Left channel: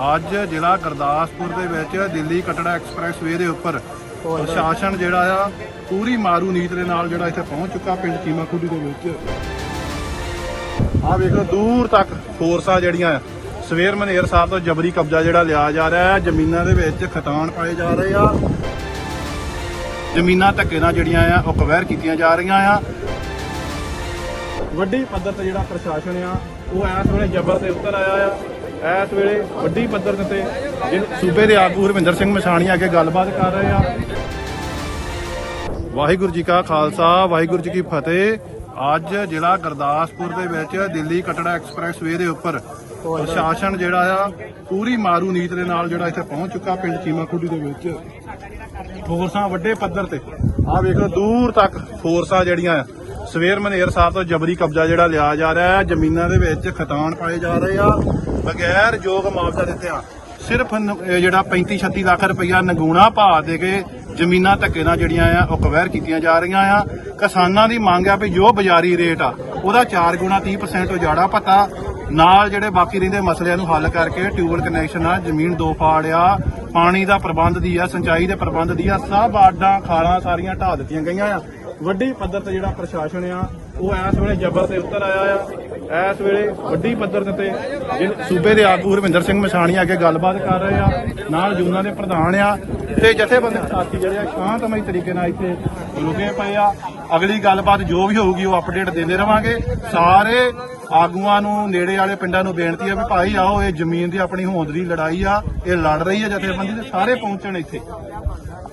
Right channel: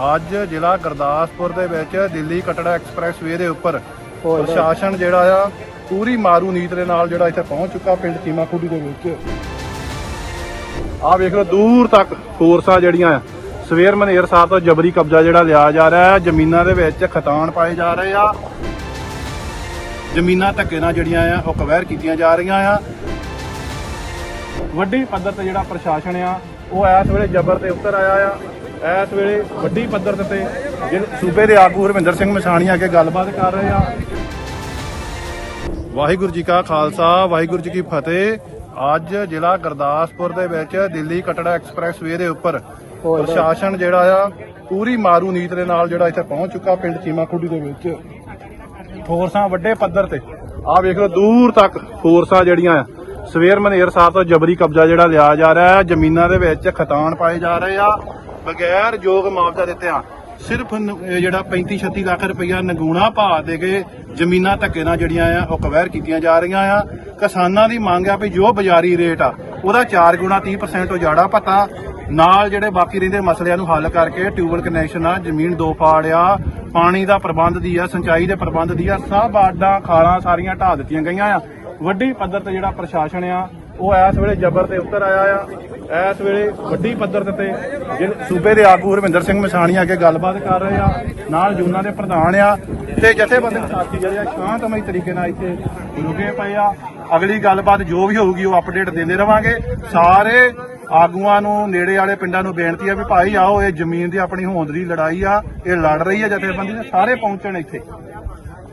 ਅੱਜ ਜ਼ਿਲ੍ਹਾ ਗੁਰਦਾਸਪੁਰ ਦੇ ਵਿੱਚ ਦਿੱਲੀ ਕਟੜਾ ਐਕਸਪ੍ਰੈਸ ਵੇ ਦੇ ਉੱਪਰ ਪ੍ਰਸ਼ਾਸਨ ਜਿਹੜਾ ਆ ਪੂਰੀ ਮਾਰੂ ਨੀਤ ਦੇ ਨਾਲ ਜਿਹੜਾ ਇੱਥੇ ਪਹੁੰਚ ਚੁੱਕਾ ਪਿੰਡ ਕੀਮਾ ਖੁੱਡੀ ਦੇ ਵਿੱਚ। ਆਹ ਵੇਖ ਦੂਰ ਤੱਕ ਫੋਰਸਾਂ ਜਿਹੜੀਆਂ ਆ ਸਵੇਰ ਮਨੇਰ ਸਾਹਿਬ ਦਾ ਜਬਰੀ ਕਬਜ਼ਾ ਜਿਹੜਾ ਲਿਆ ਜਾ ਰਿਹਾ ਹੈ ਜ਼ਮੀਨਾਂ ਦੇ ਵਿੱਚ ਖਤਾਨ ਪਾਏ ਜਾ ਰਹੇ ਆ। ਜ਼ਮੀਨਾਂ ਧੱਕੇ ਨਾਲ ਜਿਹੜੀਆਂ ਆ ਉਹ ਕਵੈਰ ਕੀਤੀਆਂ ਜਾ ਰਹੀਆਂ ਆ। ਵੱਡੀ ਪੱਧਰ ਤੇ ਜਿਹੜਾ ਪ੍ਰਸ਼ਾਸਨ ਆ ਉਹ ਇਸ ਵੇਲੇ ਜ਼ਬਰ ਤੇ ਉਤਰ ਆਇਆ ਆ। ਇਸ ਵੇਲੇ ਵੱਡੀ ਪੱਧਰ ਤੇ ਤੇ ਜਿਹੜੇ ਸੂਬੇ ਦੇ ਆਗੂ ਹਰਵਿੰਦਰ ਸਿੰਘ ਮਸਾਣੀ ਅੱਗੇ ਗੱਲਬਾਤ ਕਰ ਰਹੇ ਆ। ਵਾਹਿਗੁਰੂ ਜੀ ਕਾ ਖਾਲਸਾ ਵਾਹਿਗੁਰੂ ਜੀ ਕੀ ਫਤਿਹ। ਅੱਜ ਜ਼ਿਲ੍ਹਾ ਗੁਰਦਾਸਪੁਰ ਦੇ ਵਿੱਚ ਦਿੱਲੀ ਕਟੜਾ ਐਕਸਪ੍ਰੈਸ ਵੇ ਦੇ ਉੱਪਰ ਪ੍ਰਸ਼ਾਸਨ ਜਿਹੜਾ ਆ ਪੂਰੀ ਮਾਰੂ ਨੀਤ ਦੇ ਨਾਲ ਜਿਹੜਾ ਇੱਥੇ ਪਹੁੰਚ ਚੁੱਕਾ ਪਿੰਡ ਕੀਮਾ ਖੁੱਡੀ ਦੇ ਵਿੱਚ। ਫੋਰਸਾਂ ਵੱਡੇ ਪੱਧਰ ਤੇ। ਆਹ ਵੇਖ ਲਓ ਦੂਰ ਤੱਕ ਫੋਰਸਾਂ ਜਿਹੜੀਆਂ ਆ। ਸਵੇਰ ਮਨੇਰ ਸਾਹਿਬ ਦਾ ਜਬਰੀ ਕਬਜ਼ਾ ਜਿਹੜਾ ਲਿਆ ਜਾ ਰਿਹਾ ਹੈ। ਜ਼ਮੀਨਾਂ ਦੇ ਵਿੱਚ ਖਤਾਨ ਪਾਏ ਜਾ ਰਹੇ ਆ। ਬਗੈਰ ਯੋਗ ਮੁਆਵਜ਼ਾ ਦਿੱਤਿਆਂ ਸਿਰਫ ਜਿਹੜਾ 35 36 ਲੱਖ ਰੁਪਇਆ ਨਗੂਣਾ ਭਾ ਦੇ ਕੇ ਜ਼ਮੀਨਾਂ ਧੱਕੇ ਨਾਲ ਜਿਹੜੀਆਂ ਆ, ਉਹ ਕਵੈਰ ਕੀਤੀਆਂ ਜਾ ਰਹੀਆਂ ਆ। ਕਿਸਾਨਾਂ ਦੀ ਮੰਗ ਆ ਵੀ ਜੋ ਬਾਜ਼ਾਰੀ ਰੇਟ ਆ, ਉਹਦਾ 4 ਗੁਣਾ 30% ਉਜਾੜਾ ਪਤਾ ਨਾਲ ਜਿਹੜੇ ਬਾਕੀ ਰਹਿੰਦੇ ਮਸਲਿਆਂ ਨੂੰ ਹੱਲ ਕਰਕੇ ਟਿਊਬਲ ਕਨੈਕਸ਼ਨ ਆ, ਜ਼ਮੀਨ ਦੋ ਫਾੜ ਆ, ਪਾਣੀ ਦਾ ਪ੍ਰਬੰਧ ਦੀ ਆ, ਸਿੰਚਾਈ ਦੇ ਪ੍ਰਬੰਧ ਦੀ ਆ, ਸਭ ਆਡਾਂ ਖਾਲਾਂ ਸਾਰੀਆਂ ਢਾਹ ਦਿੱਤੀਆਂ ਗਈਆਂ ਆ। ਵੱਡੀ ਪੱਧਰ ਤੇ ਜਿਹੜਾ ਪ੍ਰਸ਼ਾਸਨ ਆ, ਉਹ ਇਸ ਵੇਲੇ ਜ਼ਬਰ ਤੇ ਉਤਰ ਆਇਆ ਆ। ਇਸ ਵੇਲੇ ਵੱਡੀ ਪੱਧਰ ਤੇ ਤੇ ਜਿਹੜੇ ਸੂਬੇ ਦੇ ਆਗੂ ਹਰਵਿੰਦਰ ਸਿੰਘ ਮਸਾਣੀ ਅੱਗੇ ਗੱਲਬਾਤ ਕਰ ਰਹੇ ਆ, ਨਾਲ ਜੂਨਾਂ ਦੇ ਪ੍ਰਧਾਨ ਆ ਤੇ ਜਥੇਬੰਦਕ ਸਾਥੀ ਜਿਹੜੇ ਆ, ਸ਼ਾਂਤਮਈ ਤਰੀਕੇ ਨਾਲ ਇੱਥੇ ਰੁਕੇ ਪਏ ਆ। ਅਗਲੀ ਗੱਲਬਾਤ ਜੋ ਵੀ ਹੋਊਗੀ ਉਹ ਅਪਡੇਟ ਦਿੰਦੇ ਰਵਾਂਗੇ। ਸਾਰੇ ਆਗੂਆਂ ਨੂੰ, ਨੇੜੇ ਵਾਲੇ ਪਿੰਡਾਂ ਨੂੰ ਬੇਨਤੀ ਆ ਵੀ ਭਾਈ ਆਓ, ਇਹ ਜ਼ਮੀਨ ਦੀ ਆਪਣੀ ਹੋਂਦ ਦੀ ਲੜਾਈ ਆ, ਇਹ ਲੜ ਰਹੀ ਆ ਜਥੇਬੰਦੀ ਤੇ ਸਾਰੇ ਪਹੁੰਚਣ ਇੱਥੇ।